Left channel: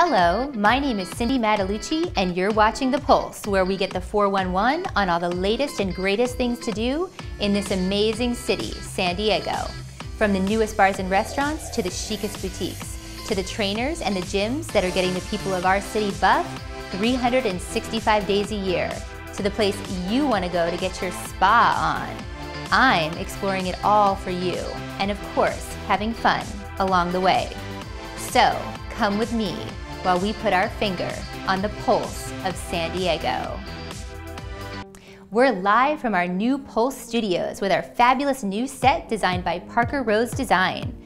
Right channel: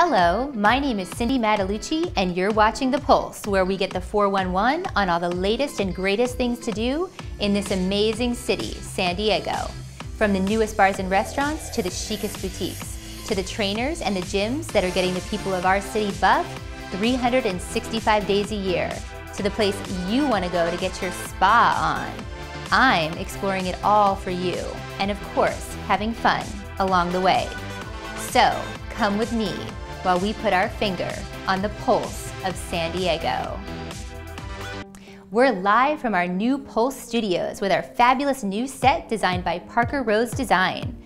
Hello, my name is Cindy Matalucci, and you're watching The Pulse, where we get the 411 on all the latest and greatest things to do in this amazing city, San Diego. From the newest bars and restaurants to the chicest boutiques, to the trainers and the gyms that are getting the people of our city buff 365 days a year, to the place you want to go to get your spa on. I'm exploring it all for you, and of course, having fun along the way. So, come with me while we put our finger on the pulse of San Diego. We're live from our new Pulse studios with our fabulous new set designed by Parker Rose Design.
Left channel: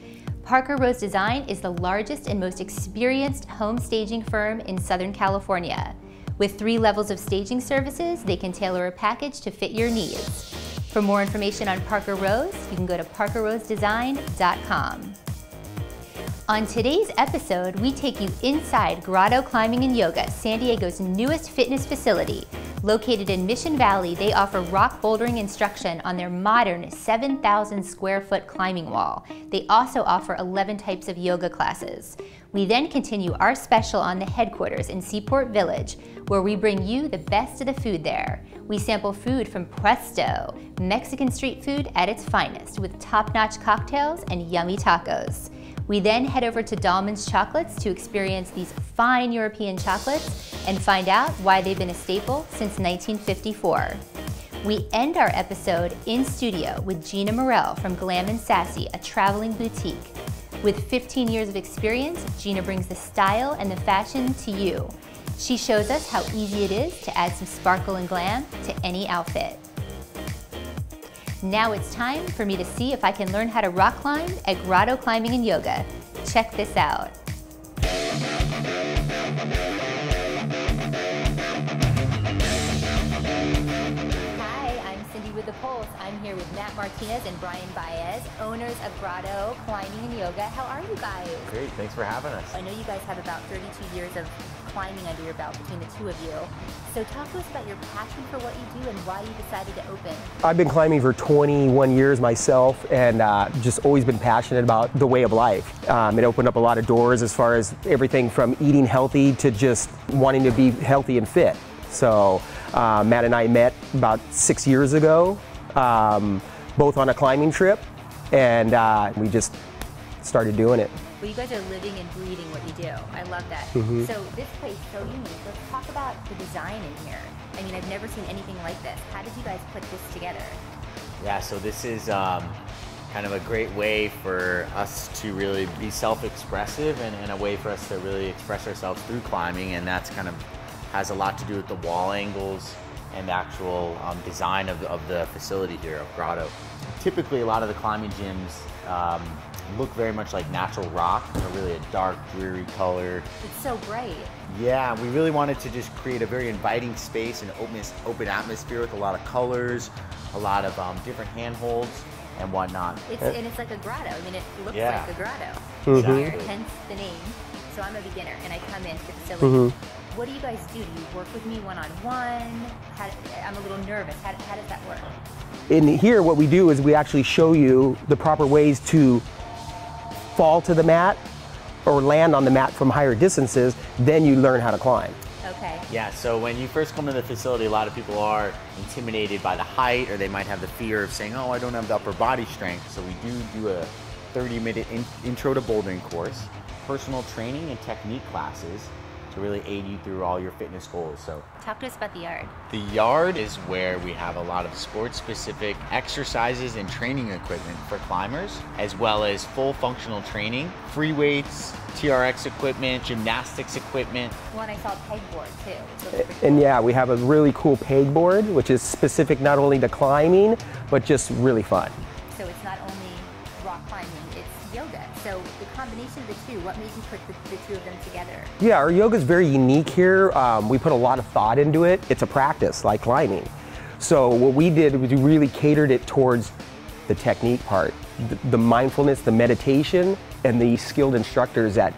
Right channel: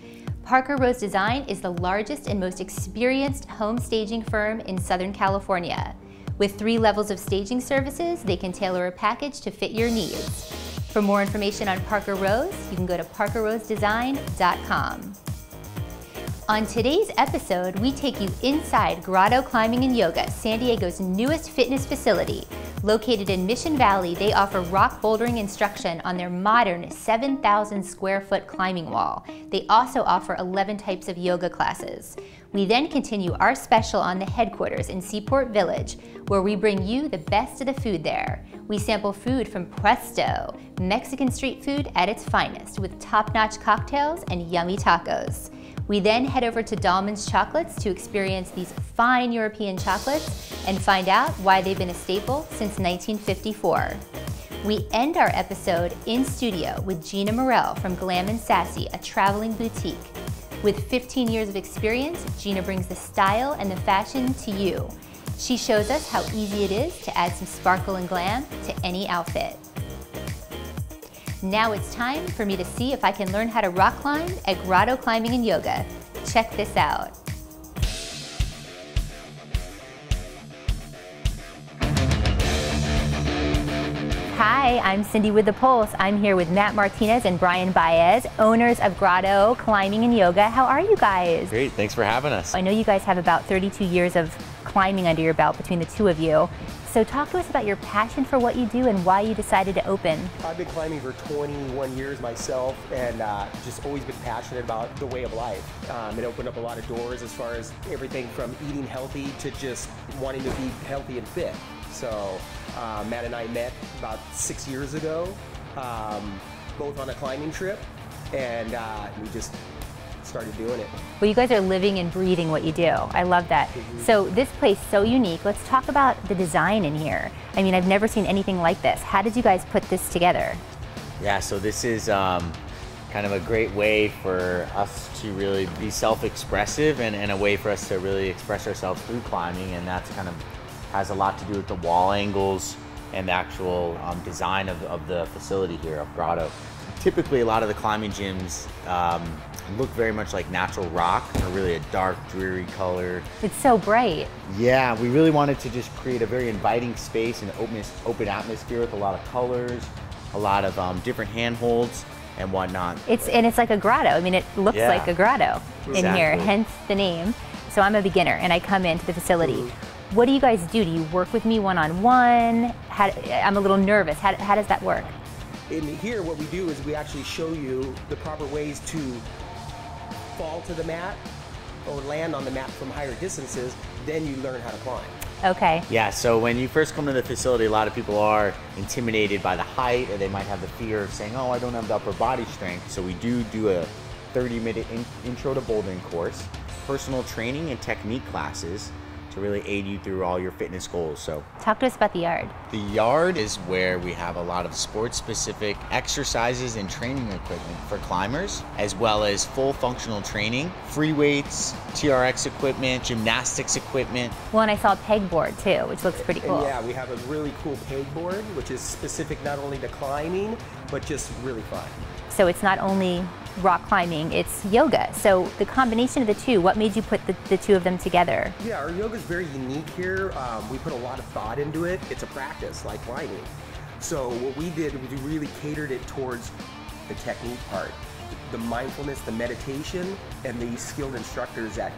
Parker Rose Design is the largest and most experienced home staging firm in Southern California. With 3 levels of staging services, they can tailor a package to fit your needs. For more information on Parker Rose, you can go to parkerrosedesign.com. On today's episode, we take you inside Grotto Climbing Yoga, San Diego's newest fitness facility. Located in Mission Valley, they offer rock bouldering instruction on their modern 7,000 square foot climbing wall. They also offer 11 types of yoga classes. We then continue our special on the headquarters in Seaport Village, where we bring you the best of the food there. We sample food from Puesto, Mexican street food at its finest, with top-notch cocktails and yummy tacos. We then head over to Dallmann's Chocolates to experience these fine European chocolates and find out why they've been a staple since 1954. We end our episode in studio with Gina Morell from Glam Sassy, a traveling boutique. With 15 years of experience, Gina brings the style and the fashion to you. She shows us how easy it is to add some sparkle and glam to any outfit. Now it's time for me to see if I can learn how to rock climb at Grotto Climbing Yoga. Check this out. Hi, I'm Cindy with The Pulse. I'm here with Matt Martinez and Brian Baez, owners of Grotto Climbing Yoga. How are you guys? Great, thanks for having us. I know you guys have about 32 years of climbing under your belt between the two of you. So talk to us about your passion for what you do and why you decided to open. I've been climbing for 21 years myself, and just always been passionate about the way of life. It opened up a lot of doors as far as everything from eating healthy to just wanting to be healthy and fit. So Matt and I met about 6 years ago, both on a climbing trip, and we just started doing it. Well, you guys are living and breathing what you do. I love that. So this place is so unique. Let's talk about the design in here. I mean, I've never seen anything like this. How did you guys put this together? Yeah, so this is kind of a great way for us to really be self-expressive and a way for us to really express ourselves through climbing, and that's kind of has a lot to do with the wall angles and the actual design of the facility here of Grotto. Typically, a lot of the climbing gyms look very much like natural rock, really a dark, dreary color. It's so bright. Yeah, we really wanted to just create a very inviting space and open atmosphere with a lot of colors, a lot of different handholds and whatnot. It's like a grotto. I mean, it looks like a grotto in here, hence the name. So I'm a beginner and I come into the facility. What do you guys do? Do you work with me one-on-one? I'm a little nervous. How does that work? In here, what we do is we actually show you the proper ways to fall to the mat or land on the mat from higher distances, then you learn how to climb. Okay. Yeah, so when you first come to the facility, a lot of people are intimidated by the height, or they might have the fear of saying, oh, I don't have the upper body strength. So we do a 30-minute intro to bouldering course, personal training and technique classes to really aid you through all your fitness goals. So talk to us about the yard. The yard is where we have a lot of sports-specific exercises and training equipment for climbers, as well as full functional training, free weights, TRX equipment, gymnastics equipment. Well, and I saw a pegboard too, which looks pretty cool. And yeah, we have a really cool pegboard, which is specific not only to climbing, but just really fun. So it's not only rock climbing, it's yoga. So the combination of the two, what made you put the two of them together? Yeah, our yoga is very unique here. We put a lot of thought into it. It's a practice like climbing. So what we did was we really catered it towards the technique part, the mindfulness, the meditation, and the skilled instructors that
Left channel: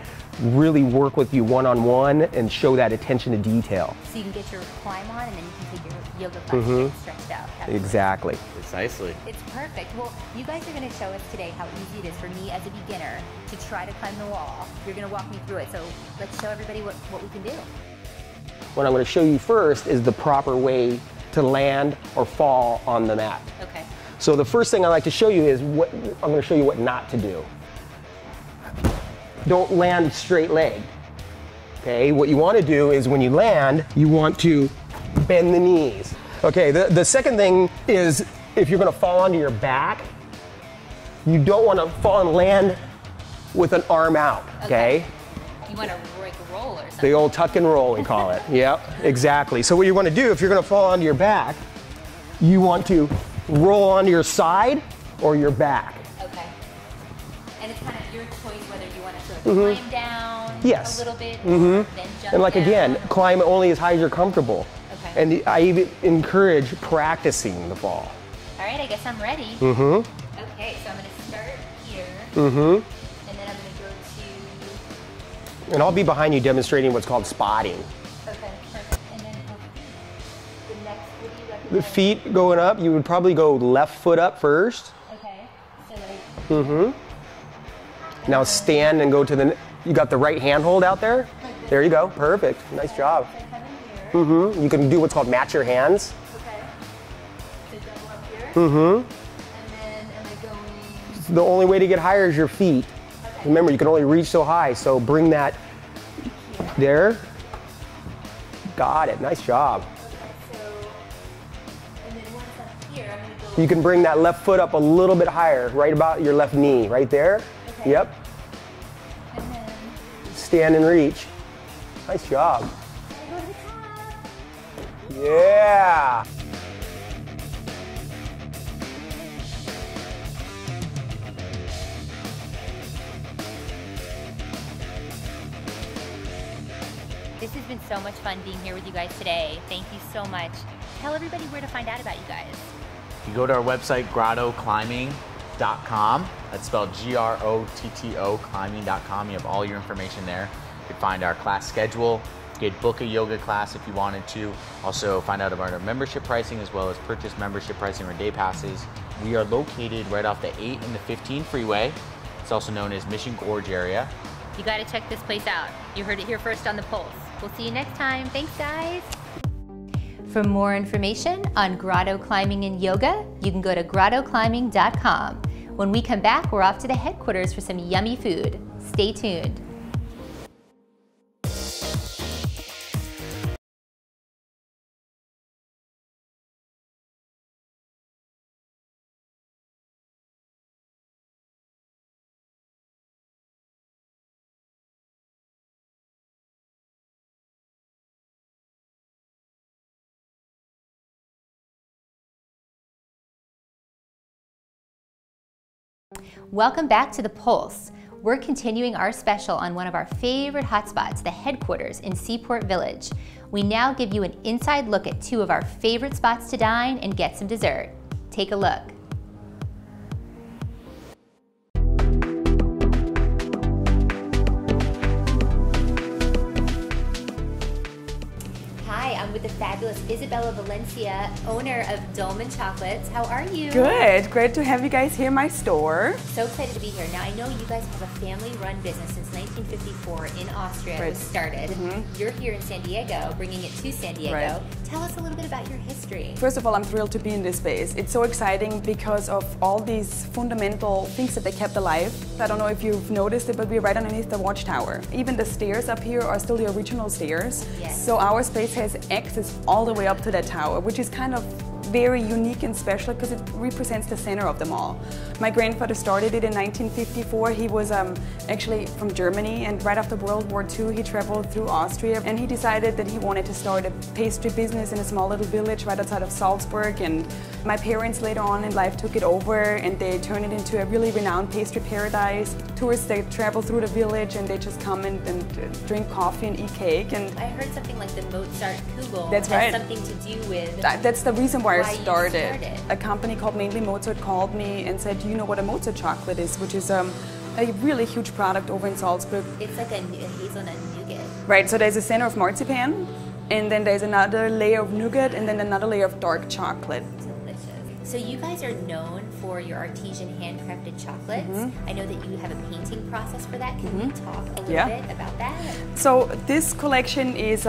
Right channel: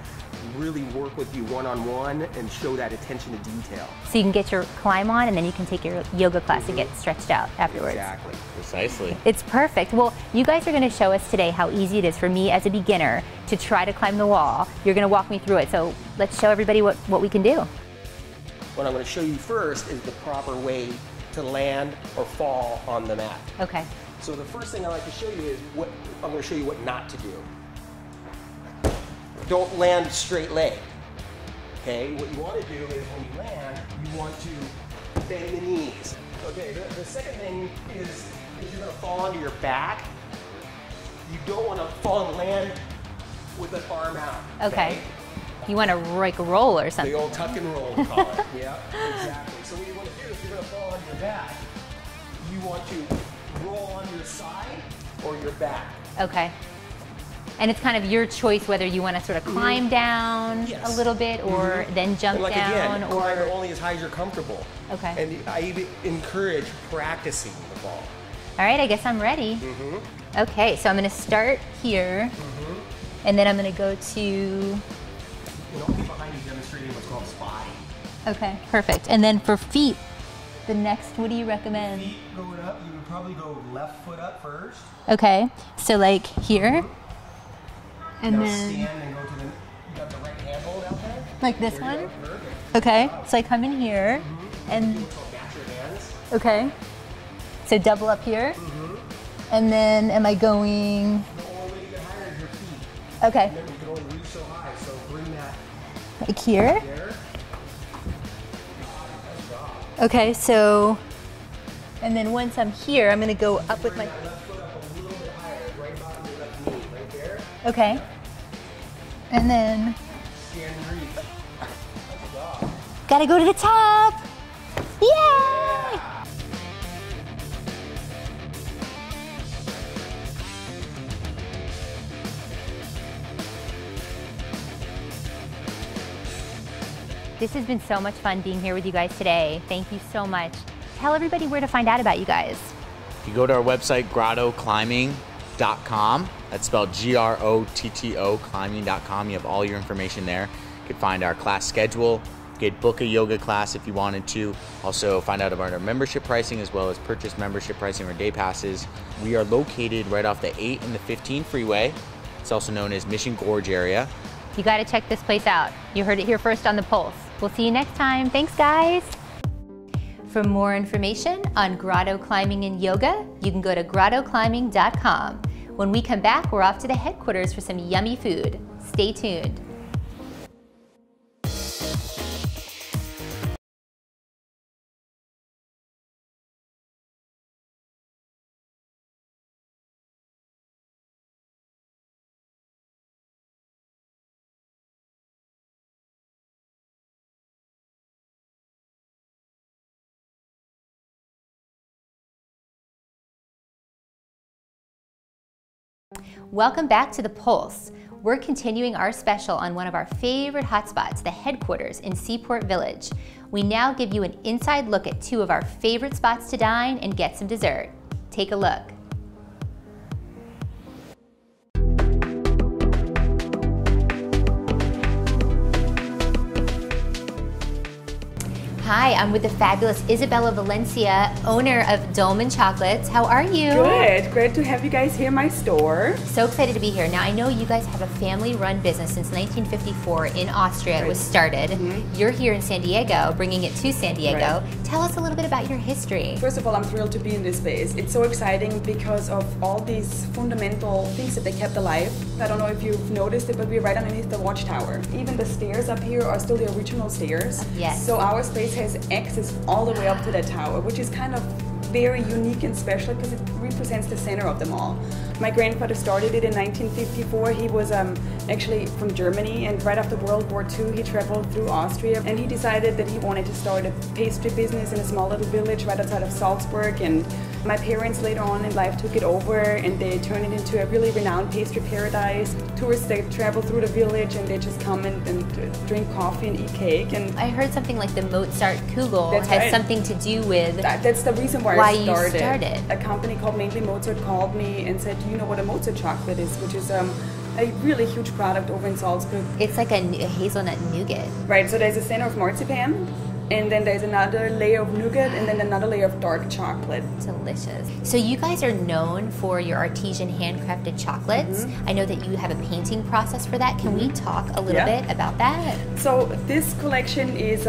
really work with you one-on-one and show that attention to detail. So you can get your climb on and then you can take your yoga class and get stretched out afterwards. Exactly. Precisely. It's perfect. Well, you guys are going to show us today how easy it is for me as a beginner to try to climb the wall. You're going to walk me through it. So let's show everybody what we can do. What I'm going to show you first is the proper way to land or fall on the mat. Okay. So the first thing I like to show you is I'm going to show you what not to do. Don't land straight leg. Okay, what you want to do is when you land, you want to bend the knees. Okay, the second thing is if you're going to fall onto your back, you don't want to fall and land with an arm out. Okay. You want to like roll or something. The old tuck and roll, we call it. Yep, exactly. So what you want to do if you're going to fall onto your back, you want to roll onto your side or your back. Okay. And it's kind of your choice whether you want to sort of climb down a little bit or then jump and like down. Again, climb only as high as you're comfortable. Okay. And I even encourage practicing the fall. All right, I guess I'm ready. Okay, so I'm going to start here. And then I'm going to go to... And I'll be behind you demonstrating what's called spotting. Okay, perfect. And then for feet, the next, what do you recommend? The feet going up, you would probably go left foot up first. Okay, so like here. And now then stand and go to the, you got the right handhold out there? Like this There you one? go, perfect. Okay, Nice job. so I come in here. You can do what's called match your hands. Okay, so double up here. And then am I going? The only way to get higher is your feet. Okay. Remember, you can only reach so high, so bring that Like here? there. Got it, nice job. Okay, so, and then once I'm here, I'm gonna go You can up bring with that left foot up a little bit higher, right about your left knee, right there. Okay. Yep. And then, Stand and reach. Nice job. gotta go to the top. Yeah! Yeah. This has been so much fun being here with you guys today. Thank you so much. Tell everybody where to find out about you guys. You go to our website, grottoclimbing.com. That's spelled Grotto climbing.com. You have all your information there. You can find our class schedule. You could book a yoga class if you wanted to. Also find out about our membership pricing as well as purchase membership pricing or day passes. We are located right off the 8 and the 15 freeway. It's also known as Mission Gorge area. You gotta check this place out. You heard it here first on The Pulse. We'll see you next time. Thanks, guys. For more information on Grotto Climbing and Yoga, you can go to grottoclimbing.com. When we come back, we're off to the headquarters for some yummy food. Stay tuned. Welcome back to The Pulse. We're continuing our special on one of our favorite hotspots, the headquarters in Seaport Village. We now give you an inside look at two of our favorite spots to dine and get some dessert. Take a look. Hi, I'm with the fabulous Isabella Valencia, owner of Dallmann Chocolates. How are you? Good. Great to have you guys here in my store. So excited to be here. Now, I know you guys have a family-run business since 1954 in Austria. It was started. You're here in San Diego, bringing it to San Diego. Right. Tell us a little bit about your history. First of all, I'm thrilled to be in this space. It's so exciting because of all these fundamental things that they kept alive. I don't know if you've noticed it, but we're right underneath the watchtower. Even the stairs up here are still the original stairs. Yes. So our space has access all the way up to that tower, which is kind of very unique and special because it represents the center of them all. My grandfather started it in 1954. He was actually from Germany, and right after World War II he traveled through Austria, and he decided that he wanted to start a pastry business in a small little village right outside of Salzburg. And my parents later on in life took it over and they turned it into a really renowned pastry paradise. Tourists, they travel through the village and they just come and drink coffee and eat cake. And I heard something like the Mozart Kugel That's has right. something to do with that's the reason why why I you started. started. A company called Mainly Mozart called me and said, do you know what a Mozart chocolate is? Which is a really huge product over in Salzburg. It's like a hazelnut nougat. Right, so there's a center of marzipan, and then there's another layer of nougat, and then another layer of dark chocolate. Delicious. So you guys are known for your artesian handcrafted chocolates. I know that you have a painting process for that. Can we talk a little bit about that? So this collection is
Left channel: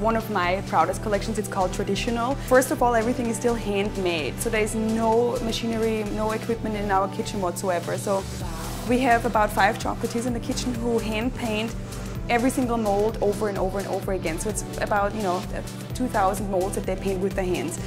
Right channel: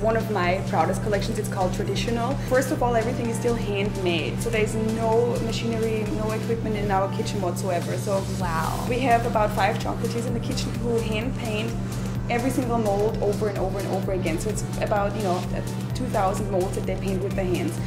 one of my proudest collections. It's called Traditional. First of all, everything is still handmade. So there's no machinery, no equipment in our kitchen whatsoever. So we have about 5 chocolatiers in the kitchen who hand paint every single mold over and over and over again. So it's about 2,000 molds that they paint with their hands.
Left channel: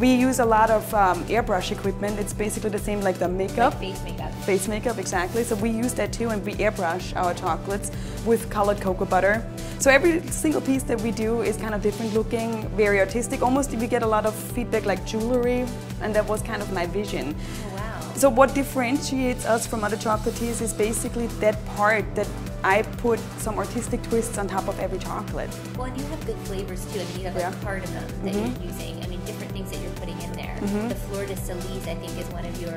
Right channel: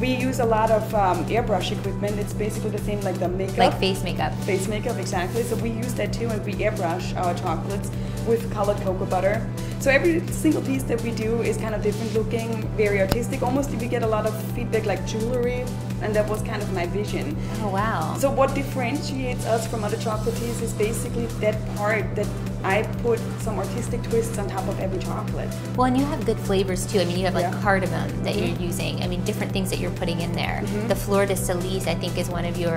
We use a lot of airbrush equipment. It's basically the same like the makeup. Like face makeup. Face makeup, exactly. So we use that too, and we airbrush our chocolates with colored cocoa butter. So every single piece that we do is kind of different looking, very artistic. Almost we get a lot of feedback like jewelry, and that was kind of my vision. Oh, wow. So what differentiates us from other chocolatiers is basically that part that I put some artistic twists on top of every chocolate. Well, and you have good flavors too. I mean, you have like cardamom that you're using. I mean, different things that you're putting in there. The Fleur de Cerise, I think, is one of your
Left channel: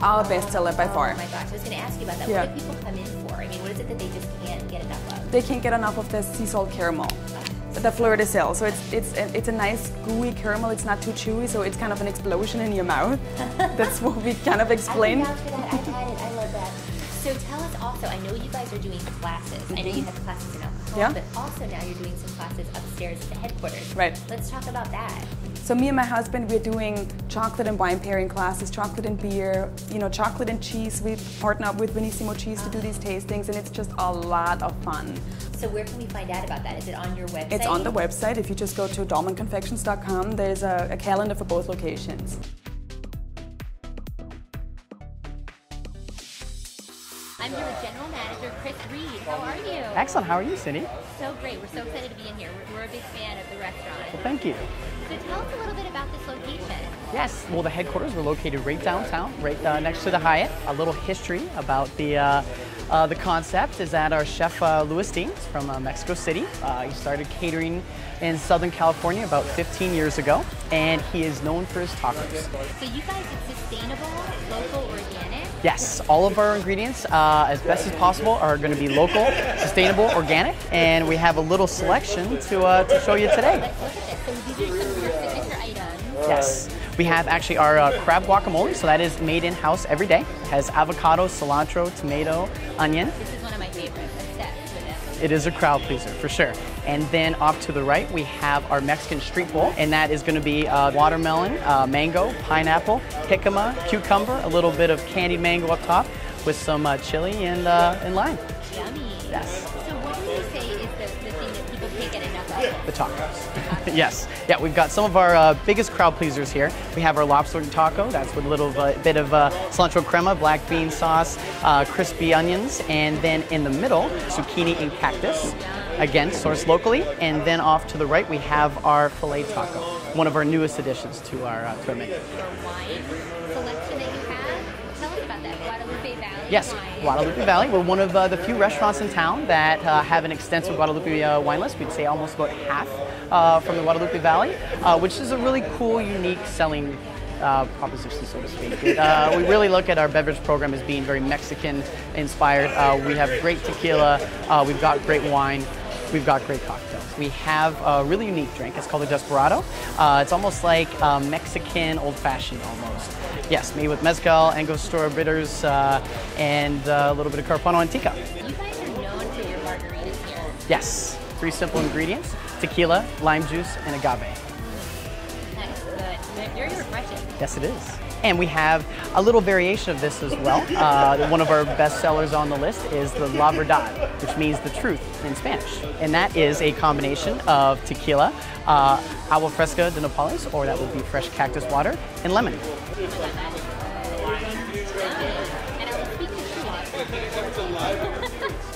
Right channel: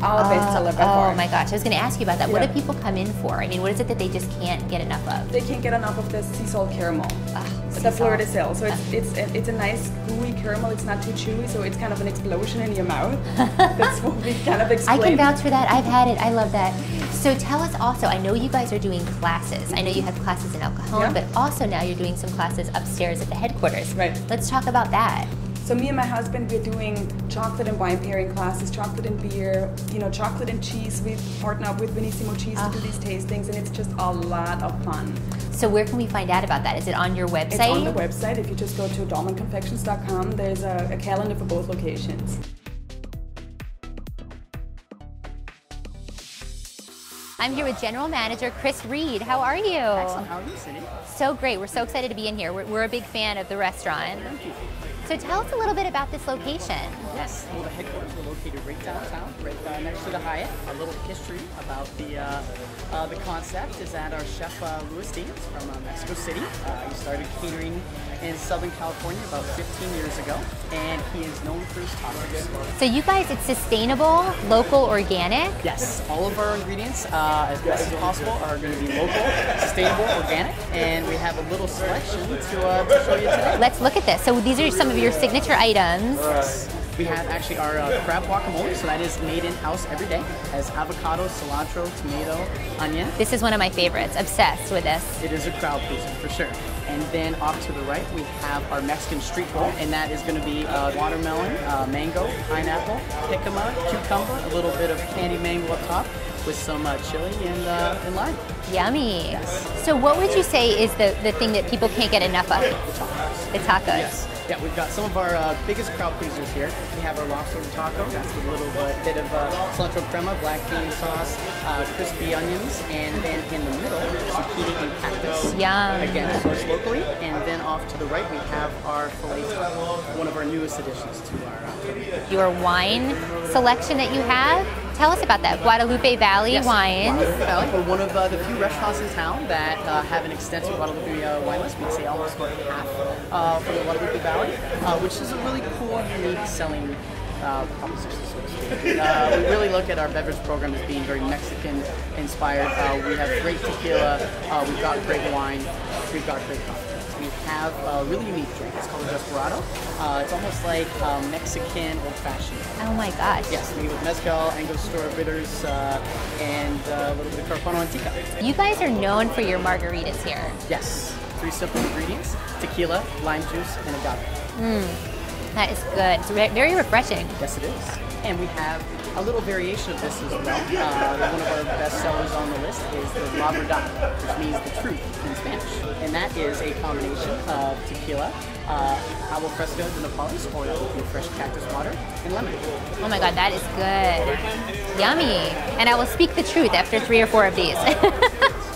bestseller by far. Oh my gosh, I was going to ask you about that. What do people come in for? I mean, what is it that they just can't get enough of? They can't get enough of the sea salt caramel, the Fleur de Sel. So it's a nice gooey caramel. It's not too chewy, so it's kind of an explosion in your mouth. That's what we kind of explain. I can vouch for that. I've had it. I love that. So tell us also, I know you guys are doing classes. I know you have classes in El Cajon, but also now you're doing some classes upstairs at the headquarters. Right. Let's talk about that. So me and my husband, we're doing chocolate and wine pairing classes, chocolate and beer, chocolate and cheese. We partner up with Benissimo Cheese to do these tastings, and it's just a lot of fun. So where can we find out about that? Is it on your website? It's on the website. If you just go to dallmannconfections.com, there's a calendar for both locations. I'm here with General Manager Chris Reed. How are you? Excellent. How are you, Cindy? So great. We're so excited to be in here. We're a big fan of the restaurant. Thank you. So tell us a little bit about this location. Yes. Well, the headquarters, we're located right downtown, right next to the Hyatt. A little history about the concept is that our chef Louis Dean is from Mexico City. He started catering in Southern California about 15 years ago, and he is known for his tacos. So you guys, it's sustainable, local, organic? Yes, all of our ingredients, as best as possible, are going to be local, sustainable, organic, and we have a little selection to show you today. Let's look at this. So these are some of your signature items. Yes. We have actually our crab guacamole, so that is made in-house every day. It has avocado, cilantro, tomato, onion. This is one of my favorites. Obsessed with this. It is a crowd pleaser, for sure. And then off to the right, we have our Mexican street bowl, and that is going to be watermelon, mango, pineapple, jicama, cucumber, a little bit of candy mango up top with some chili and lime. Yummy. Yes. So what would you say is the thing that people can't get enough of? The tacos. The tacos. Yes. Yeah, we've got some of our biggest crowd pleasers here. We have our lobster taco. That's with a little bit of cilantro crema, black bean sauce, crispy onions, and then in the middle, zucchini and cactus. Yum. Again, sourced locally. And then off to the right, we have our filet taco, one of our newest additions to our menu. Your wine selection that you have, tell us about that. Guadalupe Valley wine. Guadalupe Valley. We're one of the few restaurants in town that have an extensive Guadalupe wine list. We'd say almost about half from the Guadalupe Valley, which is a really cool, unique selling proposition, so to speak. We really look at our beverage program as being very Mexican inspired. We have great tequila, we've got great wine, we've got great cocktails. We have a really unique drink. It's called a Desperado. It's almost like Mexican old-fashioned. Oh my gosh. Yes, made with mezcal, Angostura bitters, and a little bit of Carpano Antica. You guys are known for your margaritas here. Yes, 3 simple ingredients: tequila, lime juice, and agave. That is good. It's very refreshing. Yes, it is. And we have a little variation of this as well. One of our best sellers on the list is the La Verdad, which means the truth in Spanish. And that is a combination of tequila, agua fresca de Nopales, or that would be fresh cactus water, and lemon. Oh my God, that is good. Yummy. And I will speak the truth after 3 or 4 of these.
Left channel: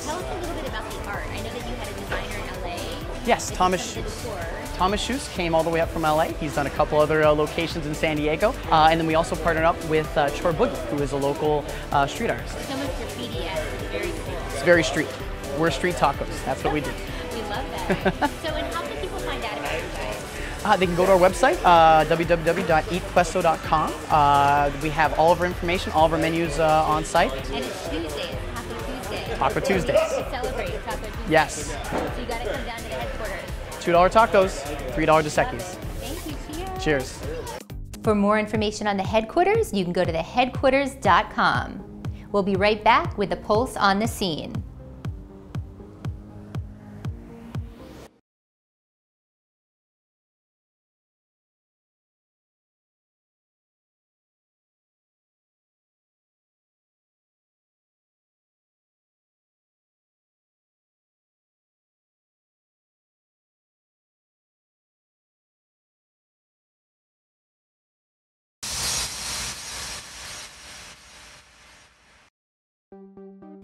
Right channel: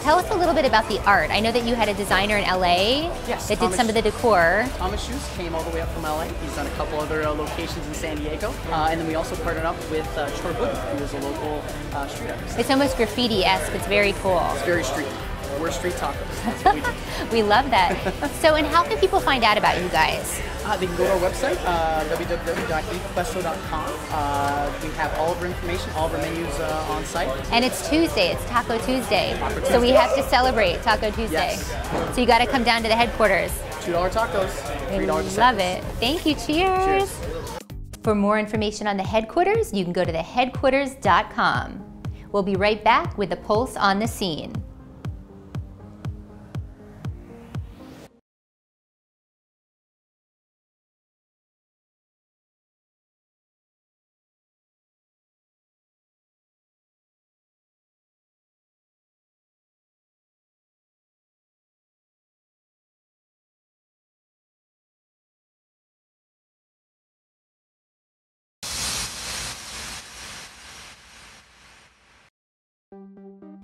Tell us a little bit about the art. I know that you had a designer in LA yes, that did some of the decor. Thomas Schutz came all the way up from LA. He's done a couple other locations in San Diego. And then we also partnered up with Chor Boogie, who is a local street artist. It's almost graffiti-esque. It's very cool. It's very street. We're street tacos. That's what we do. We love that. So, and how can people find out about you guys? They can go to our website, www.eatpuesto.com. We have all of our information, all of our menus on site. And it's Tuesday. It's Taco Tuesday. Taco Tuesday. So we have to celebrate Taco Tuesday. Yes. So you got to come down to the headquarters. $2 tacos, $3 a second. Love it. Thank you. Cheers. Cheers. For more information on the headquarters, you can go to theheadquarters.com. We'll be right back with the Pulse on the Scene.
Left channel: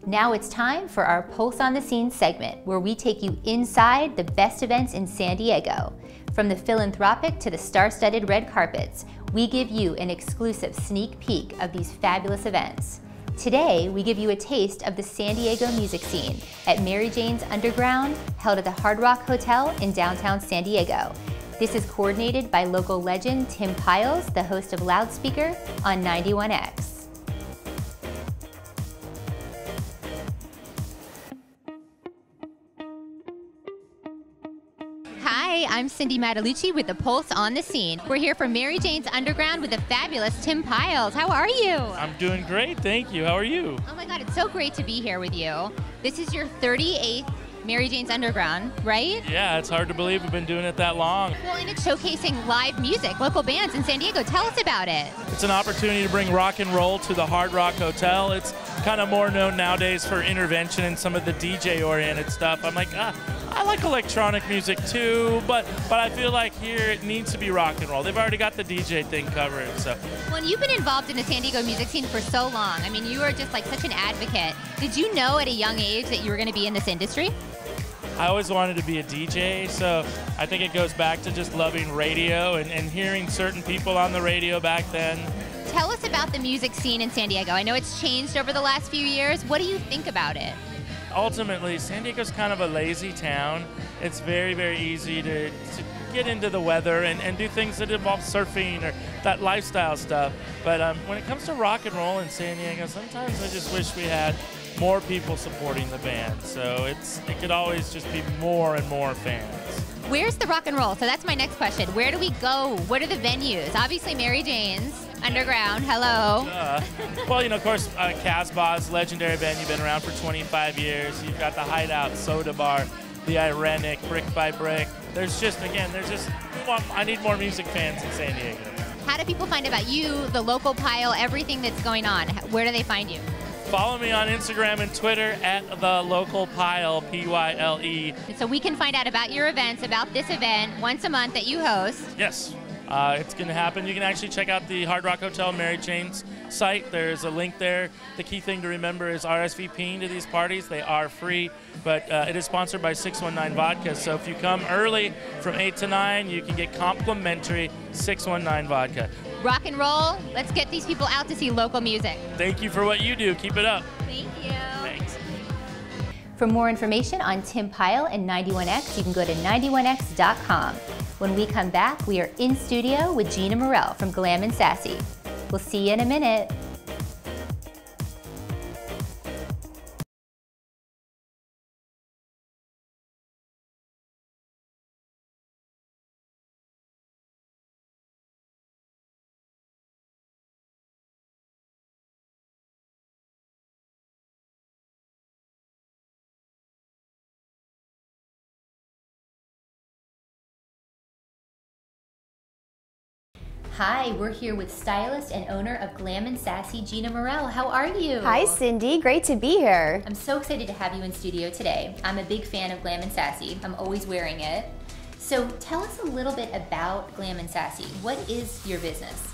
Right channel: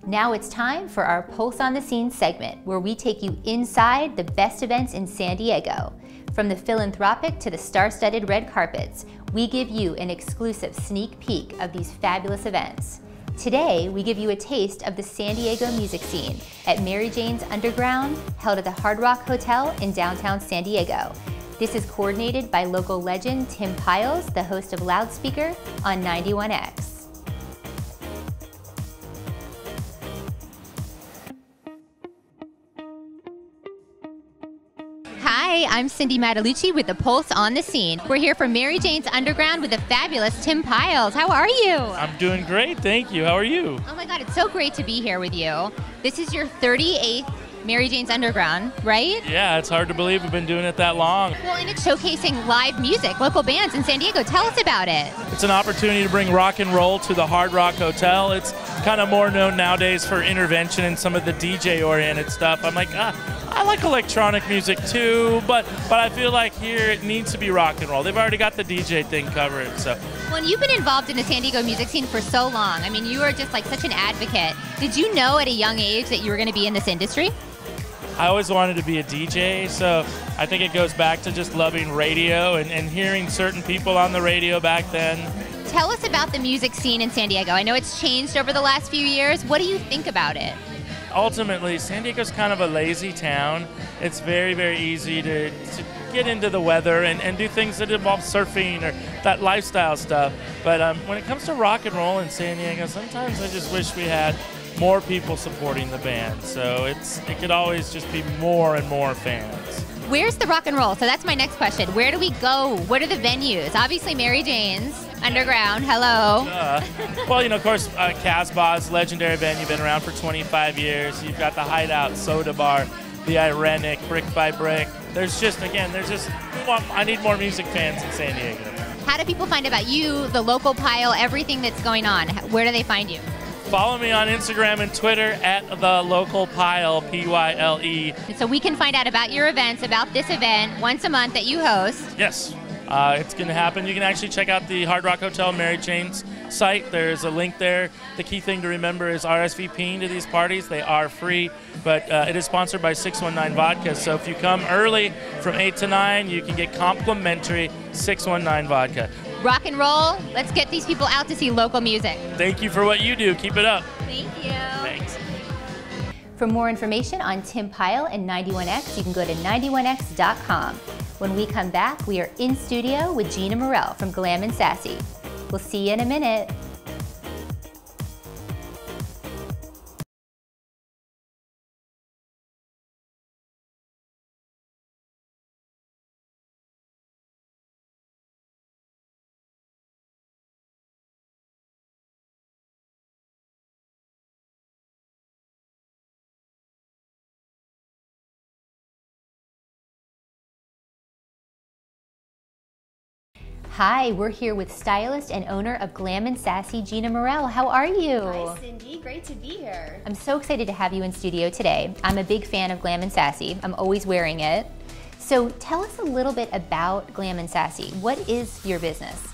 Now it's time for our Pulse on the Scene segment, where we take you inside the best events in San Diego. From the philanthropic to the star-studded red carpets, we give you an exclusive sneak peek of these fabulous events. Today, we give you a taste of the San Diego music scene at Mary Jane's Underground, held at the Hard Rock Hotel in downtown San Diego. This is coordinated by local legend Tim Piles, the host of Loudspeaker on 91X. Hi, I'm Cindy Matalucci with the Pulse on the Scene. We're here for Mary Jane's Underground with the fabulous Tim Piles. How are you? I'm doing great, thank you. How are you? Oh my God, it's so great to be here with you. This is your 38th Mary Jane's Underground, right? Yeah, it's hard to believe we've been doing it that long. Well, and it's showcasing live music, local bands in San Diego. Tell us about it. It's an opportunity to bring rock and roll to the Hard Rock Hotel. It's kind of more known nowadays for intervention and some of the DJ-oriented stuff. I'm like, I like electronic music too, but I feel like here it needs to be rock and roll. They've already got the DJ thing covered, so. Well, and you've been involved in the San Diego music scene for so long. I mean, you are just like such an advocate. Did you know at a young age that you were going to be in this industry? I always wanted to be a DJ, so I think it goes back to just loving radio and hearing certain people on the radio back then. Tell us about the music scene in San Diego. I know it's changed over the last few years. What do you think about it? Ultimately, San Diego's kind of a lazy town. It's very, very easy to get into the weather and do things that involve surfing or that lifestyle stuff. But when it comes to rock and roll in San Diego, sometimes I just wish we had more people supporting the band. So it could always just be more and more fans. Where's the rock and roll? So that's my next question. Where do we go? What are the venues? Obviously Mary Jane's Underground. Hello. Well, you know, of course, Casbah's legendary venue, been around for 25 years. You've got the Hideout, Soda Bar, the Irenic, Brick by Brick. I need more music fans in San Diego. How do people find about you, the local Pile, everything that's going on? Where do they find you? Follow me on Instagram and Twitter at the local Pile, P-Y-L-E. So we can find out about your events, about this event once a month that you host. Yes, it's going to happen. You can actually check out the Hard Rock Hotel Mary Jane's site. There's a link there. The key thing to remember is RSVPing to these parties. They are free, but it is sponsored by 619 Vodka. So if you come early from 8 to 9, you can get complimentary 619 Vodka. Rock and roll. Let's get these people out to see local music. Thank you for what you do. Keep it up. Thank you. Thanks. For more information on Tim Pile and 91X, you can go to 91x.com. When we come back, we are in studio with Gina Morell from Glam Sassy. We'll see you in a minute. Hi, we're here with stylist and owner of Glam Sassy, Gina Morell. How are you? Hi, Cindy. Great to be here. I'm so excited to have you in studio today. I'm a big fan of Glam Sassy. I'm always wearing it. So tell us a little bit about Glam Sassy. What is your business?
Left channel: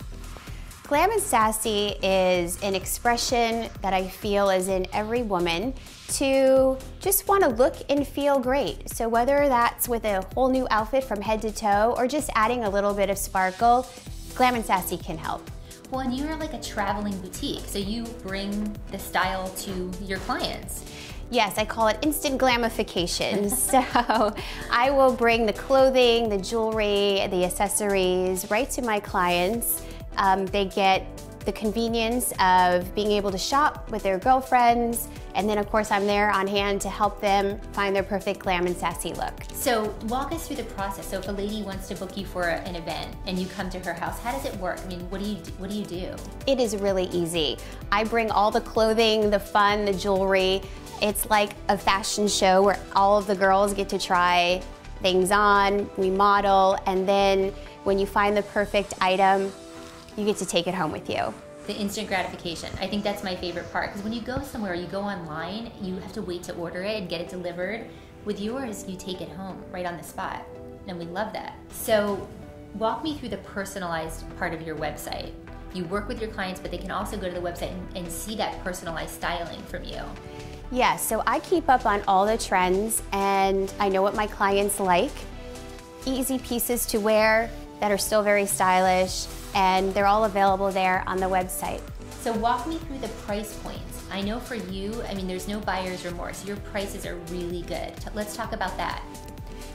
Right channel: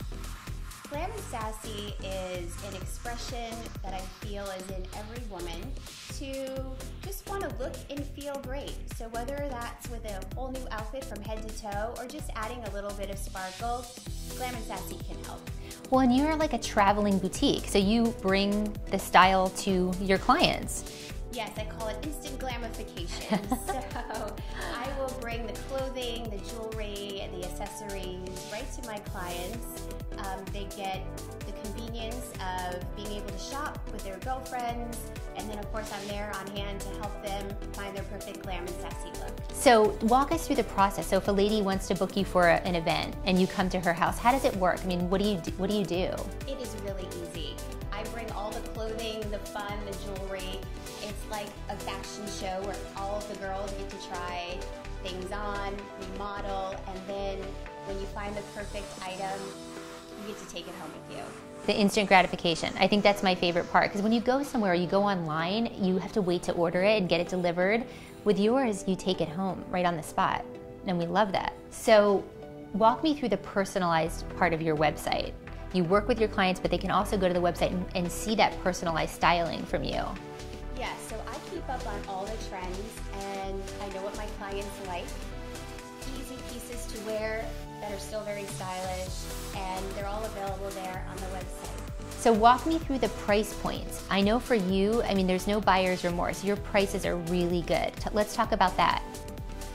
Glam Sassy is an expression that I feel is in every woman to just want to look and feel great. So whether that's with a whole new outfit from head to toe or just adding a little bit of sparkle, Glam Sassy can help. Well, and you're like a traveling boutique, so you bring the style to your clients. Yes, I call it instant glamification. So I will bring the clothing, the jewelry, the accessories right to my clients. They get the convenience of being able to shop with their girlfriends, and then of course I'm there on hand to help them find their perfect glam and sassy look. So walk us through the process. So if a lady wants to book you for an event and you come to her house, how does it work? I mean, what do you do? It is really easy. I bring all the clothing, the fun, the jewelry. It's like a fashion show where all of the girls get to try things on, we model, and then when you find the perfect item, you get to take it home with you. The instant gratification. I think that's my favorite part, because when you go somewhere, you go online, you have to wait to order it and get it delivered. With yours, you take it home right on the spot, and we love that. So walk me through the personalized part of your website. You work with your clients, but they can also go to the website and see that personalized styling from you. Yeah, so I keep up on all the trends, and I know what my clients like. Easy pieces to wear that are still very stylish, and they're all available there on the website. So walk me through the price points. I know for you, I mean, there's no buyer's remorse. Your prices are really good. Let's talk about that.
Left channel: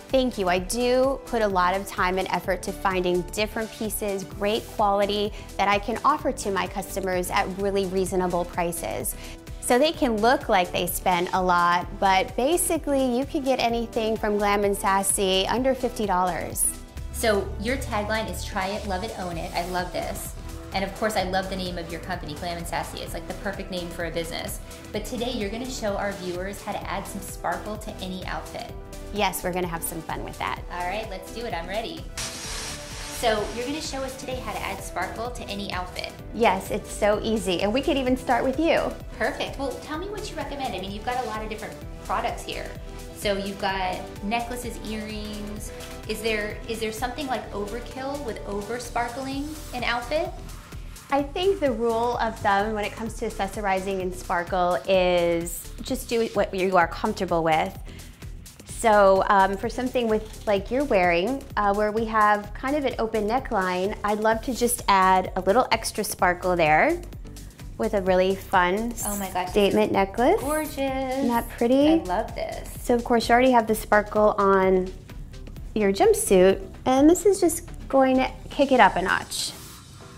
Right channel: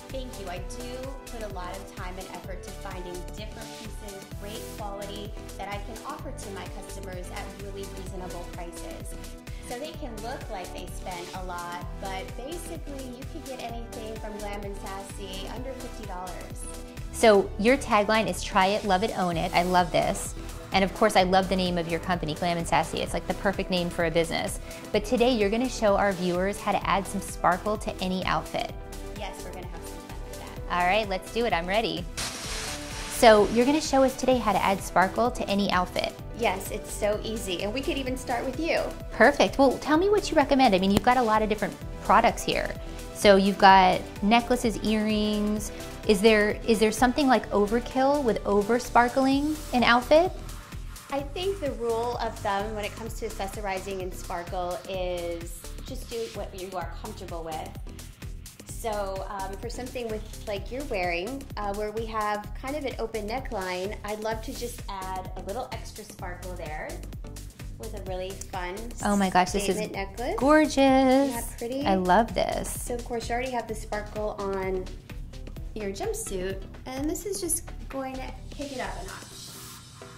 Thank you. I do put a lot of time and effort to finding different pieces, great quality, that I can offer to my customers at really reasonable prices. So they can look like they spend a lot, but basically you can get anything from Glam Sassy under $50. So your tagline is try it, love it, own it. I love this. And of course, I love the name of your company, Glam Sassy. It's like the perfect name for a business. But today you're gonna show our viewers how to add some sparkle to any outfit. Yes, we're gonna have some fun with that. All right, let's do it, I'm ready. So you're gonna show us today how to add sparkle to any outfit. Yes, it's so easy, and we could even start with you. Perfect, well, tell me what you recommend. I mean, you've got a lot of different products here. So you've got necklaces, earrings. Is there something like overkill with over sparkling an outfit? I think the rule of thumb when it comes to accessorizing and sparkle is just do what you are comfortable with. So for something with like you're wearing, where we have kind of an open neckline, I'd love to just add a little extra sparkle there with a really fun statement necklace. Gorgeous. Isn't that pretty? I love this. So of course you already have the sparkle on your jumpsuit, and this is just going to kick it up a notch.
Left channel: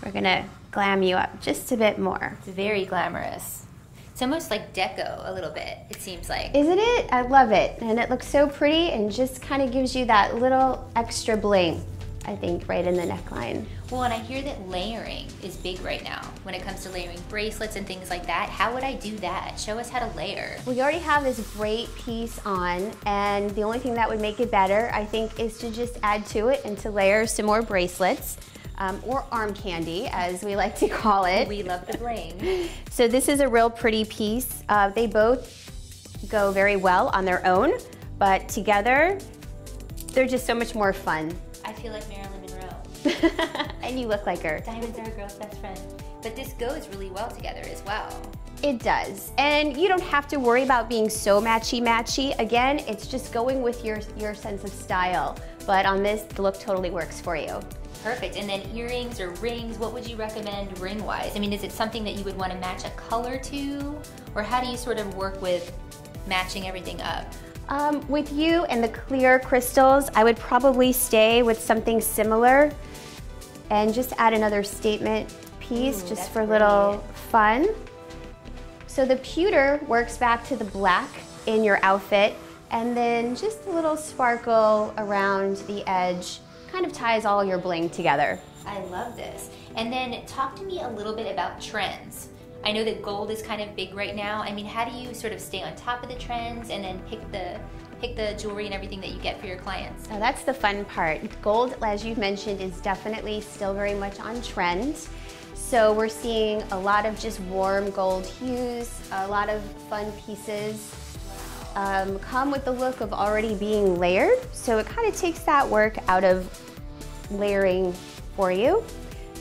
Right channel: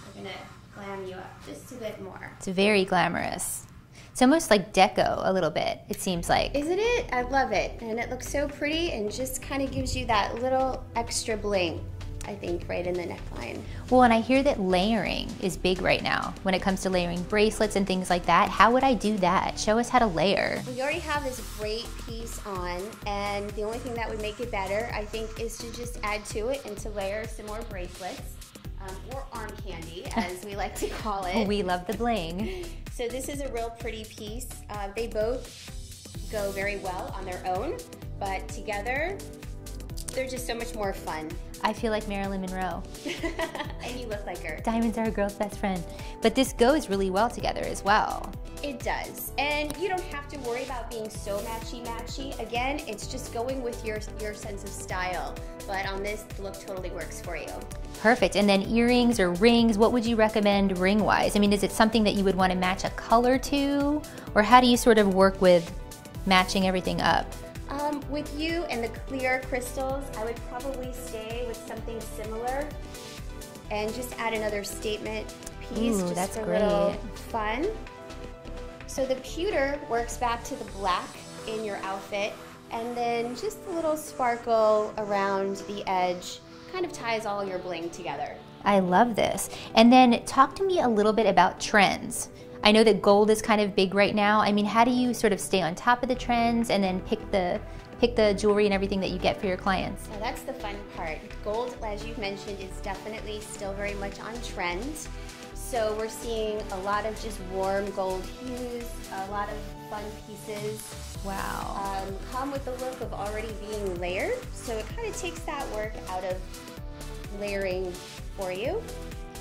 We're gonna glam you up just a bit more. It's very glamorous. It's almost like deco a little bit, it seems like. Isn't it? I love it. And it looks so pretty and just kind of gives you that little extra bling, I think, right in the neckline. Well, and I hear that layering is big right now when it comes to layering bracelets and things like that. How would I do that? Show us how to layer. We already have this great piece on, and the only thing that would make it better, I think, is to just add to it and to layer some more bracelets. Or arm candy, as we like to call it. We love the bling. So this is a real pretty piece. They both go very well on their own, but together, they're just so much more fun. I feel like Marilyn Monroe. And you look like her. Diamonds are a girl's best friend. But this goes really well together as well. It does. And you don't have to worry about being so matchy-matchy. Again, it's just going with your sense of style. But on this, the look totally works for you. Perfect. And then earrings or rings, what would you recommend ring-wise? I mean, is it something that you would want to match a color to? Or how do you sort of work with matching everything up? With you and the clear crystals, I would probably stay with something similar and just add another statement piece just for a little fun. So the pewter works back to the black in your outfit, and then just a little sparkle around the edge kind of ties all your bling together. I love this. And then talk to me a little bit about trends. I know that gold is kind of big right now. I mean, how do you sort of stay on top of the trends and then pick the jewelry and everything that you get for your clients? Now that's the fun part. Gold, as you've mentioned, is definitely still very much on trend. So we're seeing a lot of just warm gold hues, a lot of fun pieces. Wow. Come with the look of already being layered. So it kind of takes that work out of layering for you,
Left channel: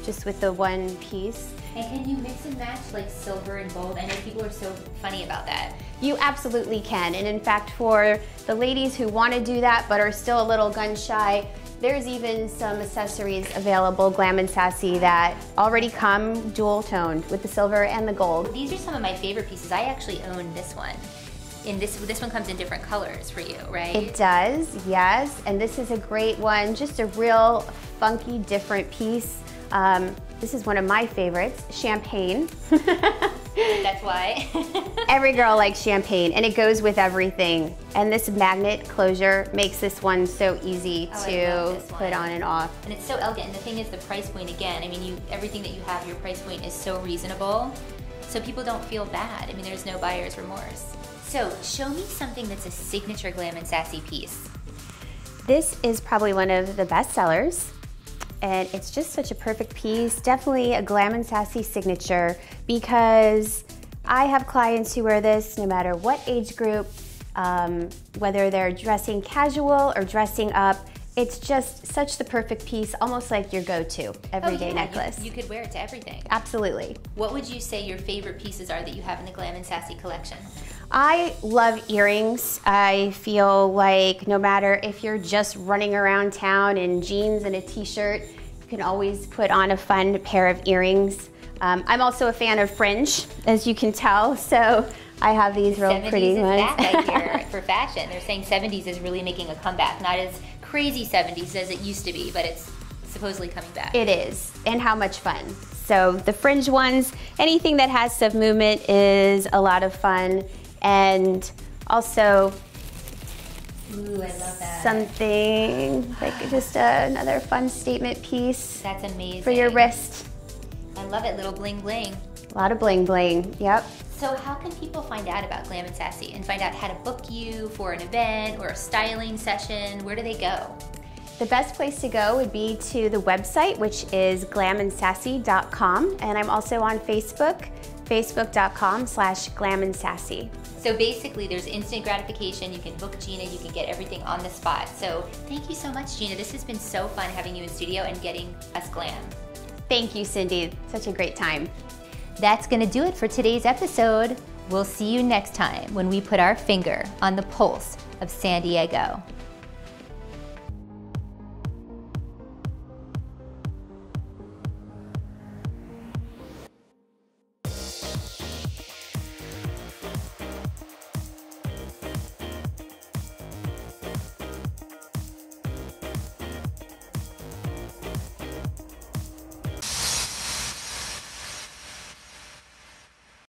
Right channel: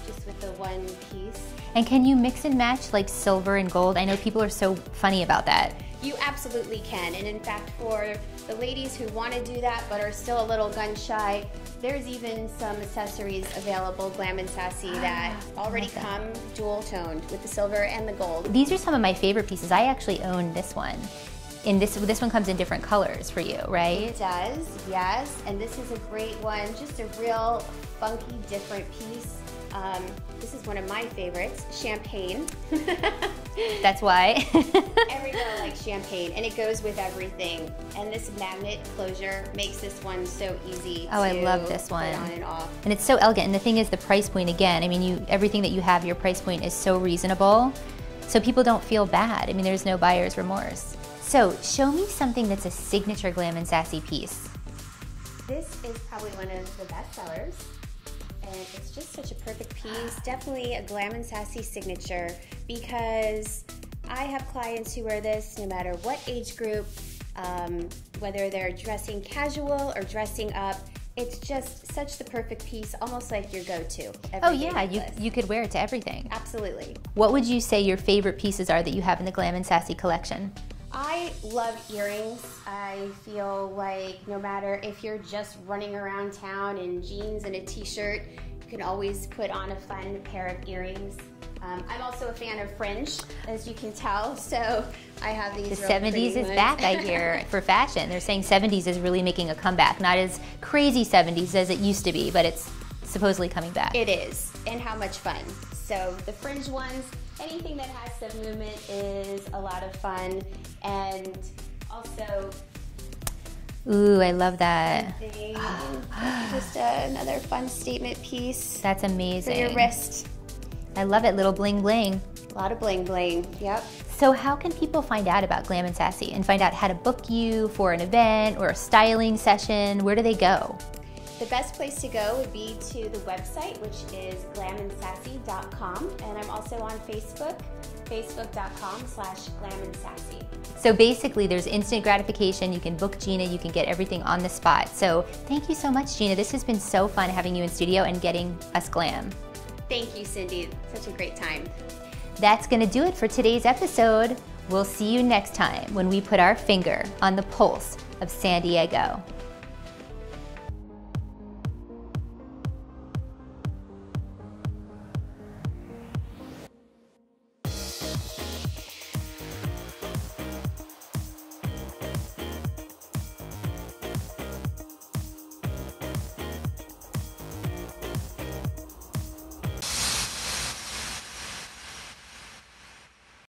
just with the one piece. And can you mix and match like silver and gold? I know people are so funny about that. You absolutely can. And in fact, for the ladies who want to do that but are still a little gun shy, there's even some accessories available, Glam Sassy, that already come dual toned with the silver and the gold. These are some of my favorite pieces. I actually own this one. And this one comes in different colors for you, right? It does, yes. And this is a great one, just a real funky, different piece. This is one of my favorites, champagne. That's why. Every girl likes champagne, and it goes with everything. And this magnet closure makes this one so easy to I love this one. put on and off. And it's so elegant. And the thing is, the price point again. I mean, everything that you have, your price point is so reasonable, so people don't feel bad. I mean, there's no buyer's remorse. So show me something that's a signature Glam Sassy piece. This is probably one of the best sellers, and it's just such a perfect piece. Definitely a Glam Sassy signature, because I have clients who wear this no matter what age group, whether they're dressing casual or dressing up. It's just such the perfect piece, almost like your go-to everyday necklace. You could wear it to everything. Absolutely. What would you say your favorite pieces are that you have in the Glam Sassy collection? I love earrings. I feel like no matter if you're just running around town in jeans and a t-shirt, you can always put on a fun pair of earrings. I'm also a fan of fringe, as you can tell, so I have these really pretty 70s is ones. back, I hear, for fashion. They're saying 70s is really making a comeback. Not as crazy 70s as it used to be, but it's supposedly coming back. It is, and how much fun. So the fringe ones, anything that has some movement is a lot of fun. And also, ooh, I love that. Something like just another fun statement piece. That's amazing. For your wrist. I love it, little bling bling. A lot of bling bling, yep. So how can people find out about Glam Sassy and find out how to book you for an event or a styling session? Where do they go? The best place to go would be to the website, which is glamandsassy.com, and I'm also on Facebook, facebook.com/glamandsassy. So basically there's instant gratification. You can book Gina, you can get everything on the spot. So thank you so much, Gina. This has been so fun having you in studio and getting us glam. Thank you, Cindy. Such a great time. That's gonna do it for today's episode. We'll see you next time when we put our finger on the pulse of San Diego.